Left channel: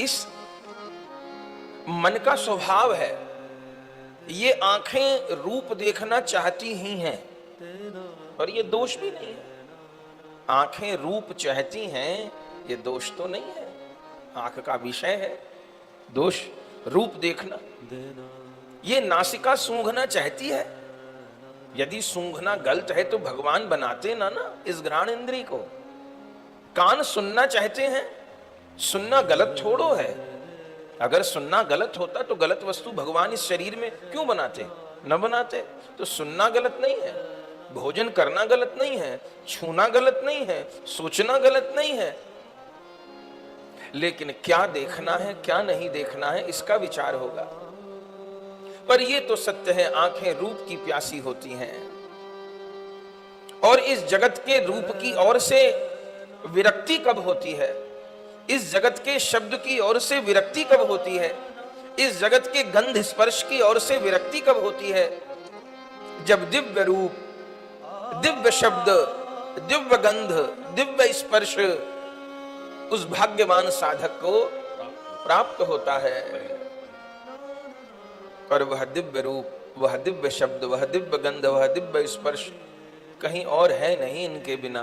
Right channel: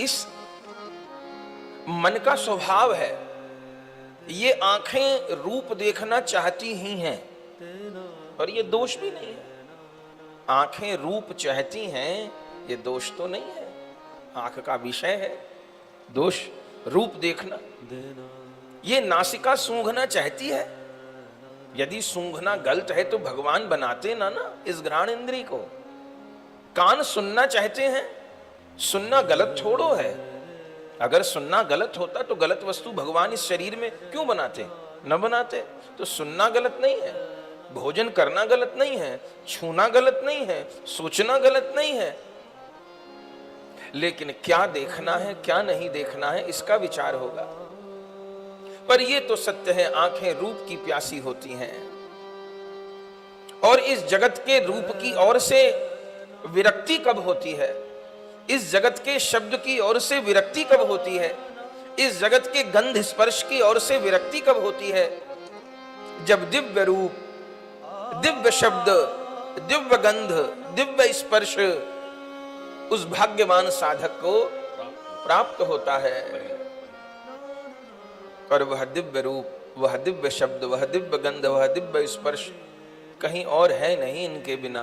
इस मन का स्वभाव है, ये आंखें रूप देखना चाहती ही हैं, और ये दोष भी नहीं। आंखें रूप चाहती हैं, ये दोष तो नहीं है, आंख का विषय है दोष रूप देखना। ये नासिका सूंघना चाहती है, यदि सूंघना गलत है तो भगवान बनाते ना इस घ्राण इंद्रिय को। कान सुनना चाहते हैं, सुनना गलत छोड़ो है, अगर सुनना गलत होता तो गलत वस्तु भगवान इस शरीर में क्यों बनाते, न बनाते। तो सुनना गलत नहीं है, भोजन करना गलत नहीं है, छूना गलत नहीं है, सोचना गलत नहीं है, लेकिन क्या देखना है क्या नहीं देखना है इसका विचार होगा। पर ये तो सत्य है, आंखें रूप की प्यासी होती हैं, और इस जगत के रूप की ओर से विरक्ति कब होती है, इस जगत के शब्द की ओर से विरक्ति कब होती है, इस जगत के गंध स्पर्श की ओर से विरक्ति कब होती है, जब दिव्य रूप, दिव्य शब्द, दिव्य गंध, दिव्य स्पर्श उस भाग्यवान साधक को प्राप्त होता है। और वह दिव्य रूप, वह दिव्य शब्द, वह दिव्य गंध, वह दिव्य स्पर्श कहीं और है नहीं इनके बिना,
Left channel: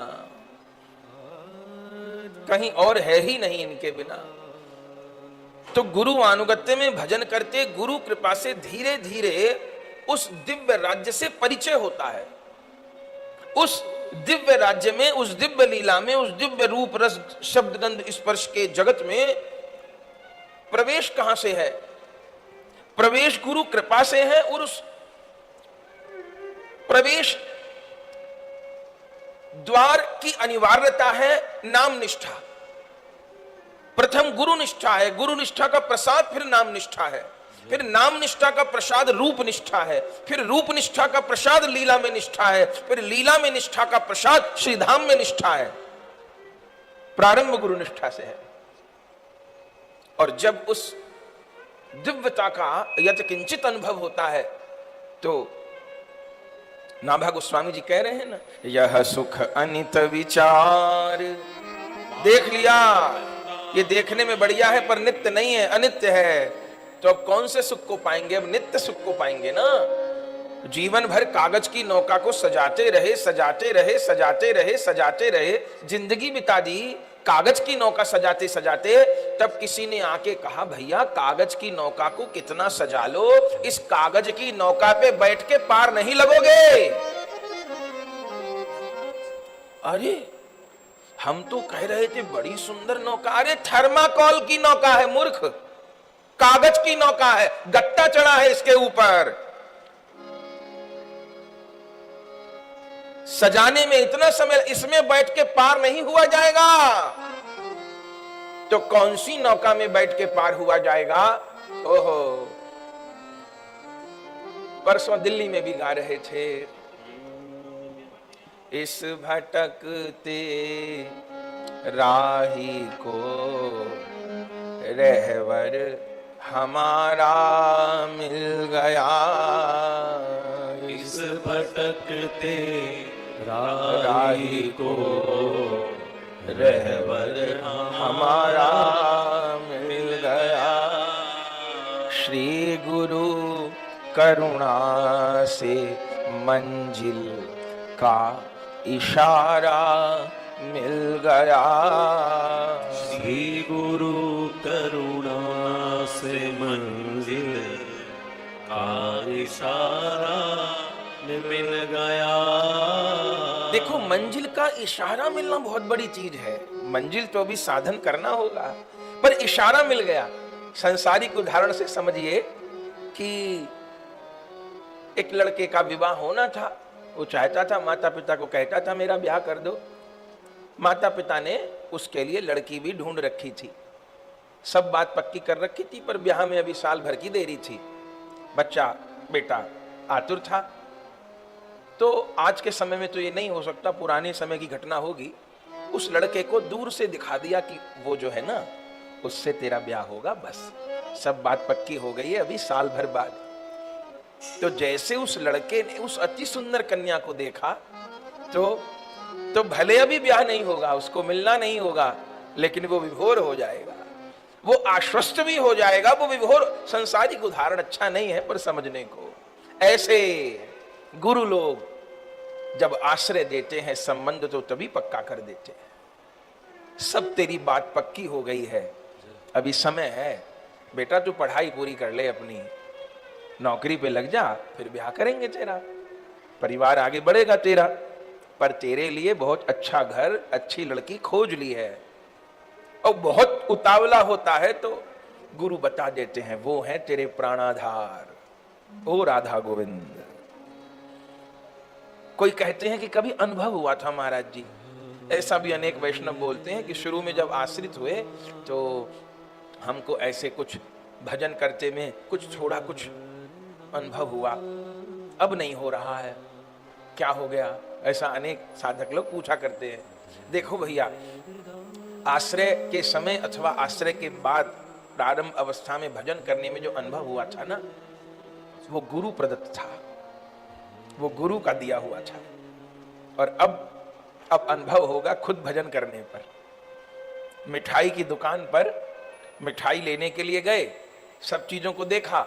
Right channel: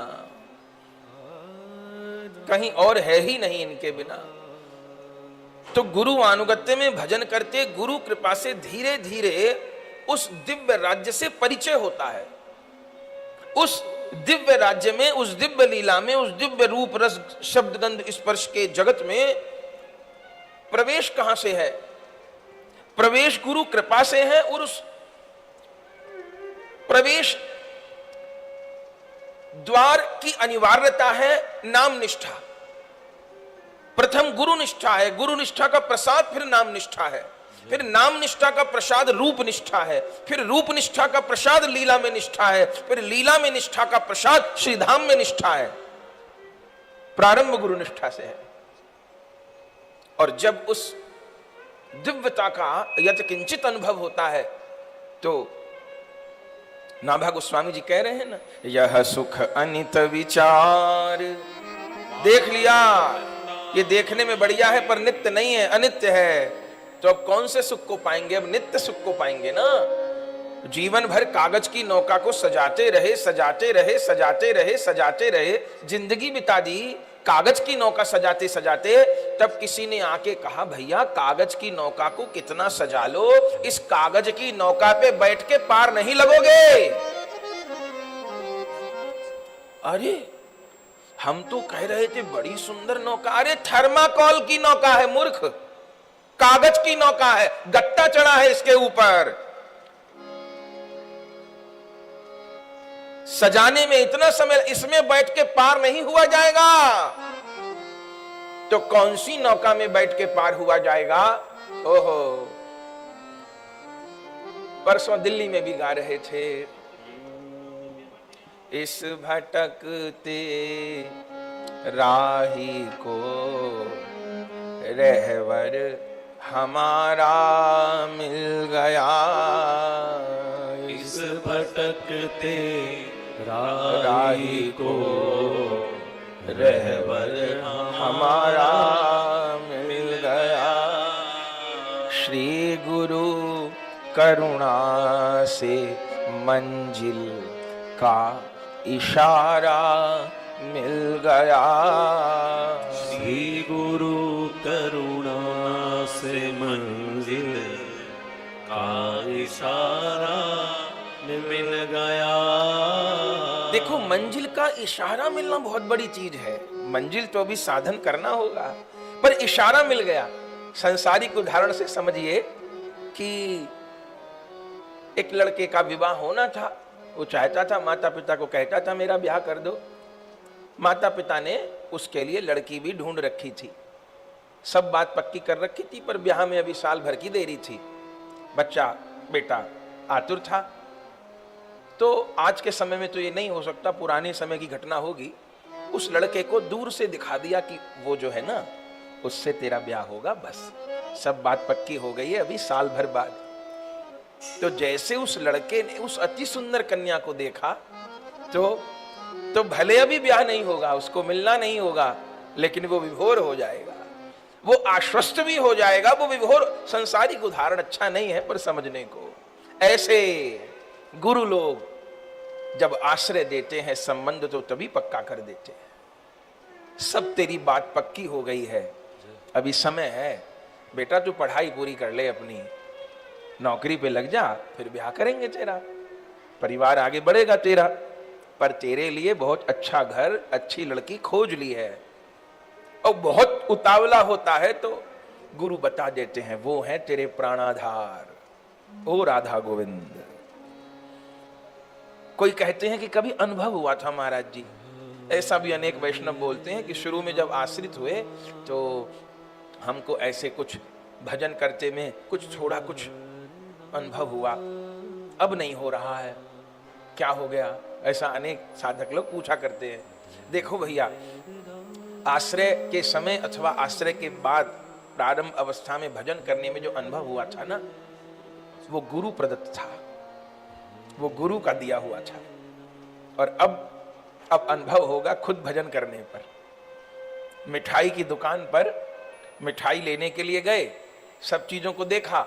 कहीं और है ही नहीं इनके बिना। तो गुरु अनुगत्य में भजन करते गुरु कृपा से धीरे धीरे उस दिव्य राज्य से परिचय होता है। उस दिव्य राज्य में, उस दिव्य लीला में, उस दिव्य रूप रस शब्द गंध स्पर्श के जगत में प्रवेश कहां से है? प्रवेश गुरु कृपा से है, और उस प्रवेश द्वार की अनिवार्यता है नाम निष्ठा। प्रथम गुरु निष्ठा है, गुरु निष्ठा का प्रसाद फिर नाम निष्ठा है, फिर नाम निष्ठा का प्रसाद रूप निष्ठा है, फिर रूप निष्ठा का प्रसाद लीला में निष्ठा है, फिर लीला में निष्ठा का प्रसाद श्रीधाम में निष्ठा है। प्रारंभ गुरु निष्ठा से है। और जब उस दिव्यता का यदि किंचित अनुभव होता है तो नाभा गोस्वामी जी कह रहे हैं ना, यह सुख अनित विचार। देख लिया, ये देखने में बढ़िया है पर नित्य नहीं है, अनित्य है। तो अब कौन से सुख को पाएंगे? अब नित्य सुख को पाएंगे ना। जीवन भर कागज की नौका को सजाते रहे, सजाते रहे, सजाते रहे, सजाते रहे, जिंदगी बिता दी कागज की नौका सजाते सजाते। तब किसी ने आके कहा, भैया कागज की नौका को कितना सजा लो, इस कागज की नौका पे बैठ के पार नहीं लगोगे। अरे हम तो कह रहे थे बड़ी सुंदर नौका। अरे थर्माकोल की नौका है मूर्ख, कागज की नौका है, गट्टा चढ़ा है इसके ऊपर। सजाने में इतना समय, इसमें बैठ के पार नहीं हुआ जाएगा। तो कौन सी नौका में बैठ के पार हुआ जाएगा? ओहो, परसों दिल्ली में भी गा रहे थे, इस भटकते राही को रहवर हमारा मिल गया। इस भटकते राही को रहबर हमारा मिल गया। श्री गुरु करुणा से मंजिल का इशारा मिल गया। श्री गुरु करुणा से मंजिल का इशारा मिल गया। देखो, मंजिल का इशारा मिलना बहुत बड़ी चीज है। मंजिल तो अभी साधन करना होगा, पर इशारा मिल गया। संसारिक उदाहरण से समझिए कि एक लड़के का विवाह होना था, वो चाहता था, माता पिता को कहता था मेरा ब्याह कर दो। माता पिता ने उसके लिए लड़की भी ढूंढ रखी थी, सब बात पक्की कर रखी थी, पर ब्याह में अभी साल भर की देरी थी। बच्चा बेटा आतुर था। तो आज के समय में तो ये नहीं हो सकता, पुराने समय की घटना होगी। उस लड़के को दूर से दिखा दिया कि वो जो है ना, उससे तेरा ब्याह होगा, बस सब बात पक्की हो गई है, अभी साल भर बाद। तो जैसे उस लड़के ने उस अति सुंदर कन्या को देखा तो भले अभी ब्याह नहीं होगा, उसको मिलना नहीं होगा, लेकिन वो विभोर हो जाएगा। वो आश्वस्त भी हो जाएगा। वो विभोर संसारिक उदाहरण अच्छा नहीं है पर समझने को। ऐसे गुरु लोग जब आश्रय देते हैं, संबंध तो तभी पक्का कर देते हैं। सब तेरी बात पक्की हो गई है, अभी समय है बेटा, तू पढ़ाई पूरी कर ले अपनी, नौकरी पे लग जा, फिर ब्याह करेंगे तेरा, परिवार आगे बढ़ेगा तेरा। पर तेरे लिए बहुत अच्छा घर, अच्छी लड़की खोज ली है। और बहुत उतावला होता है तो गुरु बता देते हैं, वो है तेरे प्राणाधार, ओ राधा गोविंद। कोई कहते हैं कि कभी अनुभव हुआ था महाराज जी, ऐसा भी अनेक वैष्णव बोलते हैं कि शुरू में जब आश्रित हुए तो हमको ऐसे कुछ भजन करते में कुछ थोड़ा कुछ अनुभव हुआ, अब नहीं हो रहा है, क्या हो गया? ऐसा अनेक साधक लोग पूछा करते हैं। देखो भैया, आश्रय के समय अथवा आश्रय के बाद प्रारंभ अवस्था में भजन करने में जो अनुभव हुआ था ना, वो गुरु प्रदत्त था, वो गुरु का दिया हुआ था। और अब अनुभव होगा खुद भजन करने पर। मिठाई की दुकान पर मिठाई लेने के लिए गए, सब चीजों को देखा,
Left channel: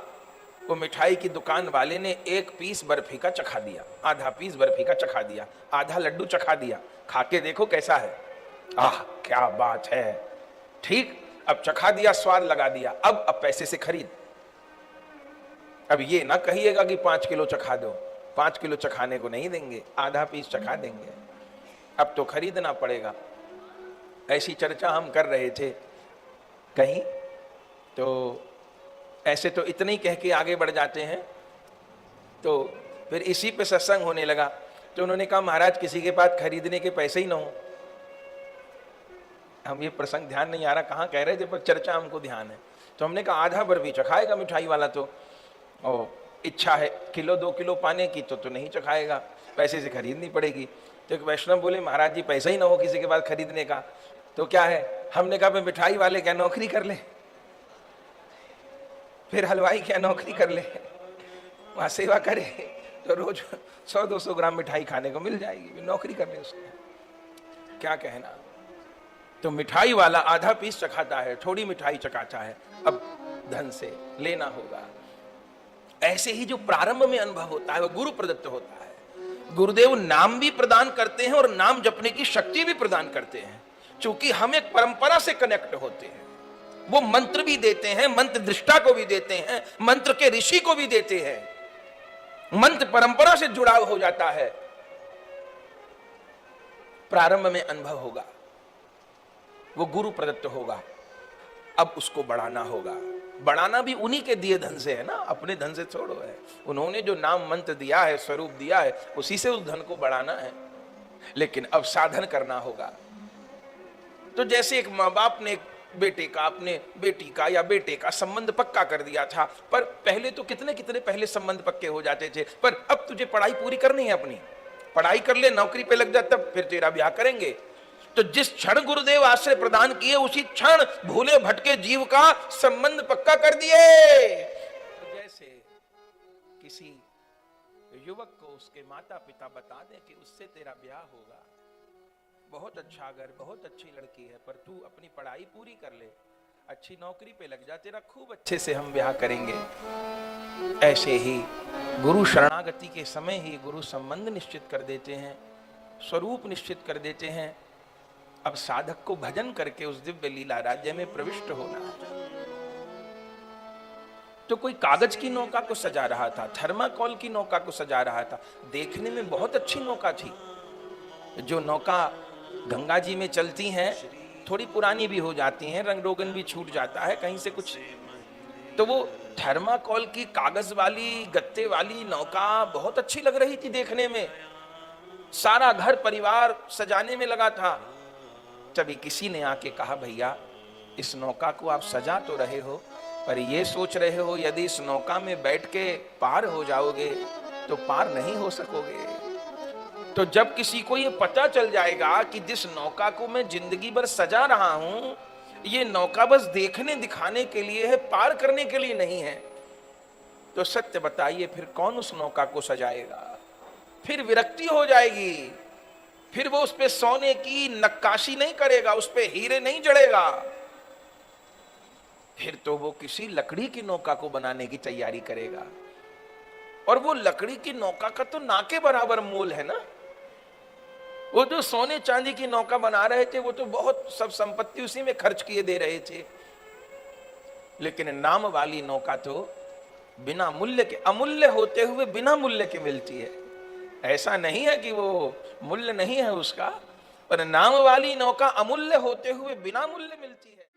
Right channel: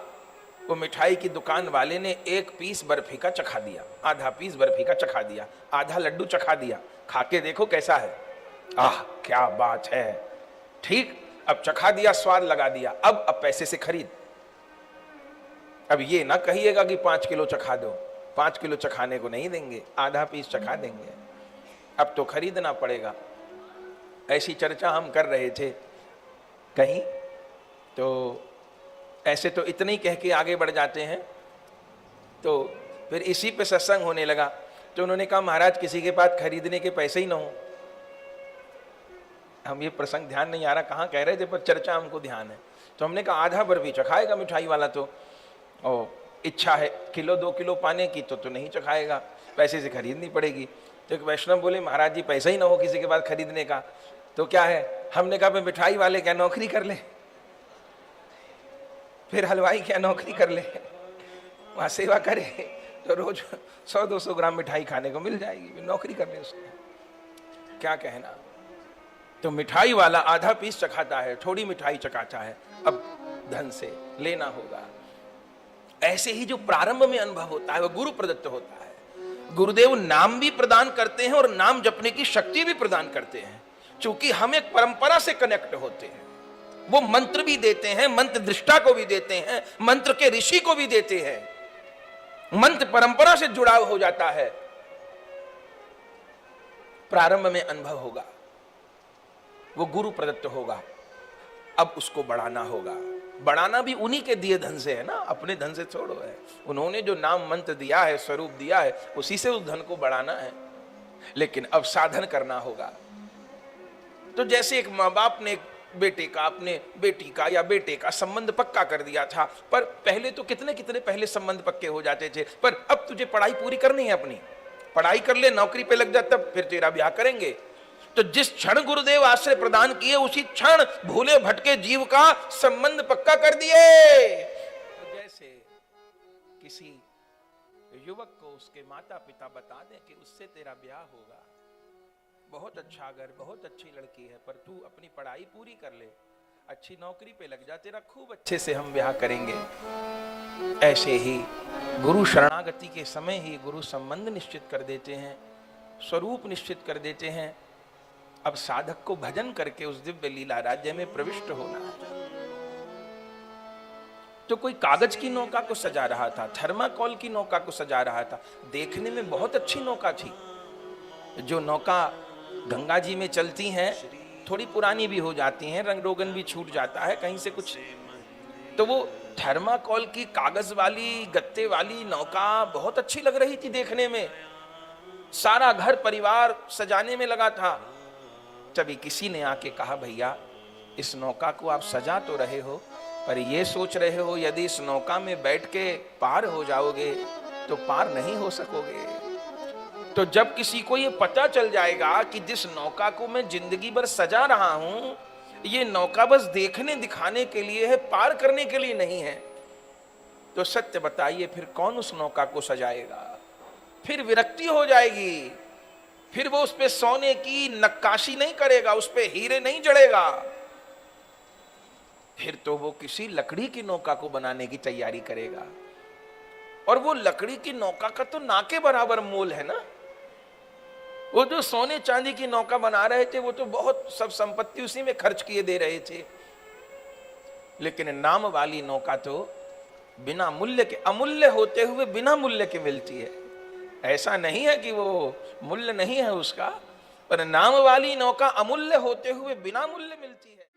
वो मिठाई की दुकान वाले ने एक पीस बर्फी का चखा दिया, आधा पीस बर्फी का चखा दिया, आधा लड्डू चखा दिया, खा के देखो कैसा है, आह क्या बात है, ठीक, अब चखा दिया, स्वाद लगा दिया, अब पैसे से खरीद। अब ये ना कहिएगा कि 5 किलो चखा दो, 5 किलो चखाने को नहीं देंगे, आधा पीस चखा देंगे, अब तो खरीदना पड़ेगा। ऐसी चर्चा हम कर रहे थे कहीं, तो ऐसे तो इतने ही कह के आगे बढ़ जाते हैं। तो फिर इसी पे सत्संग होने लगा, तो उन्होंने कहा महाराज किसी के पास खरीदने के पैसे ही ना हो। हम ये प्रसंग ध्यान नहीं आ रहा कहाँ कह रहे थे, पर चर्चा हमको ध्यान है। तो हमने कहा आधा बर्फी चखाएगा मिठाई वाला, तो ओ इच्छा है किलो 2 किलो पाने की तो नहीं चखाएगा, पैसे से खरीदनी पड़ेगी। तो एक वैष्णव बोले महाराज जी पैसा ही ना हो किसी के पास खरीदने का, तो क्या है? हमने कहा मिठाई वाले क्या नौकरी कर ले, फिर हलवाई क्या नौकरी कर ले, वहां सेवा करे तो रोज 100-200 ग्राम मिठाई खाने को मिल जाएगी, फिर नौकरी करने से क्या कहना। तो मिठाई वाला आधा पीस चखाता है, थोड़ी मिठाई चखाता है, अब धन से लेना होगा। ऐसे ही जो प्रारंभ में अनुभव होता है वो गुरु प्रदत्त होता है। गुरुदेव नाम भी प्रदान करते हैं और नाम जपने की शक्ति भी प्रदान करते हैं, क्योंकि हम एक परंपरा से कनेक्ट होते हैं। वो मंत्र भी देते हैं, मंत्र दृष्टा को भी देते हैं, मंत्र के ऋषि को भी देते हैं, मंत्र परंपरा से जुड़ाव हो जाता है। प्रारंभ में अनुभव होगा, वो गुरु प्रदत्त होगा, अब उसको बढ़ाना होगा। बढ़ाना भी उन्हीं के दिए धन से है ना, अपने धन से छोड़ो है। उन्होंने जो नाम मंत्र दिया है, स्वरूप दिया है, उसी से उस धन को बढ़ाना है। लेकिन अब साधन करना होगा। तो जैसे एक माँ बाप ने बेटे का, अपने बेटी का या बेटे का संबंध पक्का कर दिया था, पर पहले तो कितने पहले संबंध पक्के हो जाते थे, पर अब तुझे पढ़ाई पूरी करनी है, अपनी पढ़ाई कर ले, नौकरी पे लग जा, तब फिर तेरा ब्याह करेंगे। तो जिस क्षण गुरुदेव आश्रय प्रदान किए उसी क्षण भूले भटके जीव का संबंध पक्का कर दिए। तो जैसे किसी युवक को उसके माता पिता बता दें कि उससे तेरा ब्याह होगा, बहुत अच्छा घर, बहुत अच्छी लड़की है, पर तू अपनी पढ़ाई पूरी कर ले, अच्छी नौकरी पे लग जा, तेरा खूब अच्छे से हम ब्याह करेंगे। ऐसे ही गुरु शरणागति के समय ही गुरु संबंध निश्चित कर देते हैं, स्वरूप निश्चित कर देते हैं। अब साधक को भजन करके उस दिव्य लीला राज्य में प्रविष्ट होना। तो कोई कागज की नौका को सजा रहा था, थर्माकोल की नौका को सजा रहा था, देखने में बहुत अच्छी नौका थी। जो नौका गंगा जी में चलती हैं, थोड़ी पुरानी भी हो जाती हैं, रंग रोगन भी छूट जाता है कहीं से कुछ, तो वो थर्माकोल की कागज वाली गत्ते वाली नौका बहुत अच्छी लग रही थी देखने में। सारा घर परिवार सजाने में लगा था। तभी किसी ने आके कहा भैया इस नौका को आप सजा तो रहे हो, पर ये सोच रहे हो यदि इस नौका में बैठ के पार हो जाओगे तो पार नहीं हो सकोगे। तो जब किसी को ये पता चल जाएगा कि जिस नौका को मैं जिंदगी भर सजा रहा हूं, ये नौका बस देखने दिखाने के लिए है, पार करने के लिए नहीं है, तो सत्य बताइए फिर कौन उस नौका को सजाएगा? फिर विरक्ति हो जाएगी, फिर वो उस पे सोने की नक्काशी नहीं करेगा, उस पे हीरे नहीं जड़ेगा। फिर तो वो किसी लकड़ी की नौका को बनाने की तैयारी करेगा, और वो लकड़ी की नौका का तो ना के बराबर मोल है ना। वो जो सोने चांदी की नौका बना रहे थे वो तो बहुत सब संपत्ति उसी में खर्च किए दे रहे थे, लेकिन नाम वाली नौका तो बिना मूल्य के, अमूल्य होते हुए बिना मूल्य के मिलती है। ऐसा नहीं है कि वो मूल्य नहीं है उसका, पर नाम वाली नौका अमूल्य होते हुए बिना मूल्य मिलती है।